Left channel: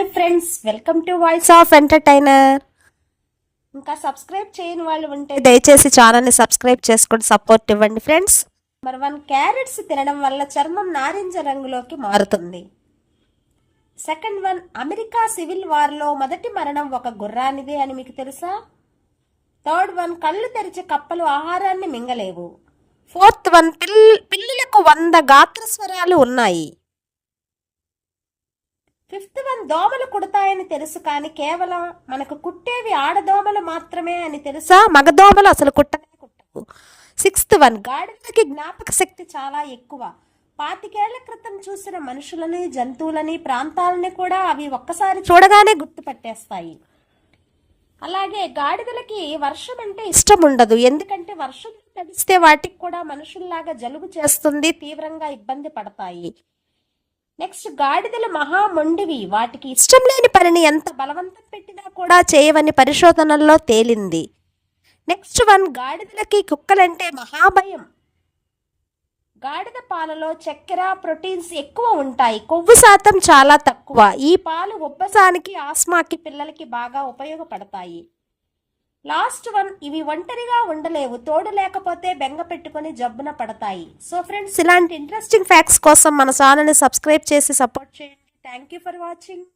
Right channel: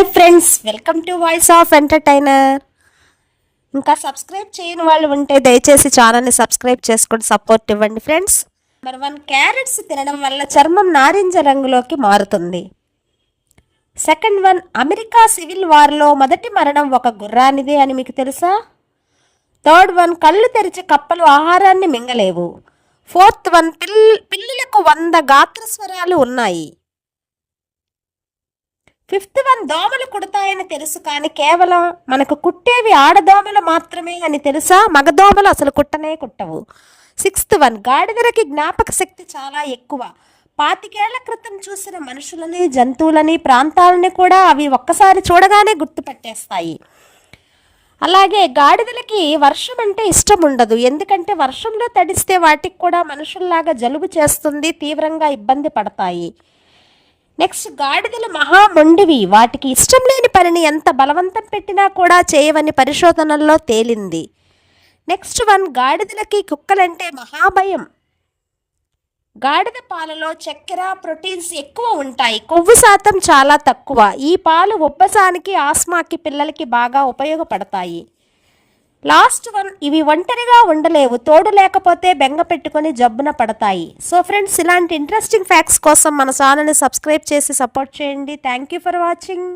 Hi friends, welcome to voice of entertainer. ఇంకా subscribe చేయని వాళ్ళు ఉంటే దయచేసి ఛానల్ని సబ్స్క్రైబ్ చేసుకొని సపోర్ట్ ఇవ్వండి ఫ్రెండ్స్. నెంబర్ 1, క్యారెట్స్ తినడం వల్ల చర్మం నారింజ రంగులోకి మారుతుంది. సెకండ్ వన్, అమెరికా సివిల్ వార్లో మొదటి మరణం ఒక గుర్రానిదే అని మీకు తెలుసా? థర్డ్ వన్, కళ్ళు తెరిచి కప్పలు ఆహారాన్ని మింగలేవు. ఫోర్త్ వన్, పిల్లులకు 100 గాత్రస్వరాలు ఉన్నాయి. ఫిఫ్త్ వన్, దోమలు కుడతాయని తెలుసు కానీ కేవలం మనకు కుట్టేవి ఆడదోమలు మాత్రమే అని తెలుసా? మగదోమలు అసలు కుట్టనే కుట్టవు. సిక్స్త్ వన్, గాడిదలకి జ్ఞాపక శక్తి చాలా ఎక్కువ. 25 ఏళ్ల క్రితం చూసిన మనుషులని, జంతువులని, ప్రాంతాలని కూడా అవి ఒక్కసారి చూడగానే గుర్తుపట్టేస్తాయి. అలాగే గాడిదలకి వర్షం అంటే ఇష్టం ఉండదు, ఎందుకంటే వర్షంలో తడిస్తే వాటికి కూడా మనుషుల్లాగా జలుబు చేస్తుంది, తీవ్రంగా ఇబ్బంది పడతాయి. నెక్స్ట్, గాడిదలు మహా మొండివి, వాటికి ఇష్టం లేని పనిని ఎంత బలవంతం పెట్టినా కూడా చేయవని పరిశోధనల్లో తేలింది. నెక్స్ట్ వన్, గాడిదలకి కుక్కలంటే మహాభయం. గాడిద పాలలో చక్కెర, ప్రోటీన్స్ ఎక్కువ ఉంటాయి, కొవ్వు శాతం చాలా తక్కువ. ఈ పాలు ఉబ్బసానికి, ఆస్మాకి పిల్లలకి బాగా ఉపయోగపడతాయి. లాస్ట్ వన్, ఇవి ఒంటరిగా ఉండలేవు, తోడు లేకపోతే బెంగ పెట్టుకొని జబ్బున పడతాయి. సో ఫ్రెండ్స్, ఇలాంటి ఇంట్రెస్టింగ్ ఫ్యాక్ట్స్ కోసం మన ఛానల్ని సబ్స్క్రైబ్ చేసి సపోర్ట్ చేయండి. Thank you for watching.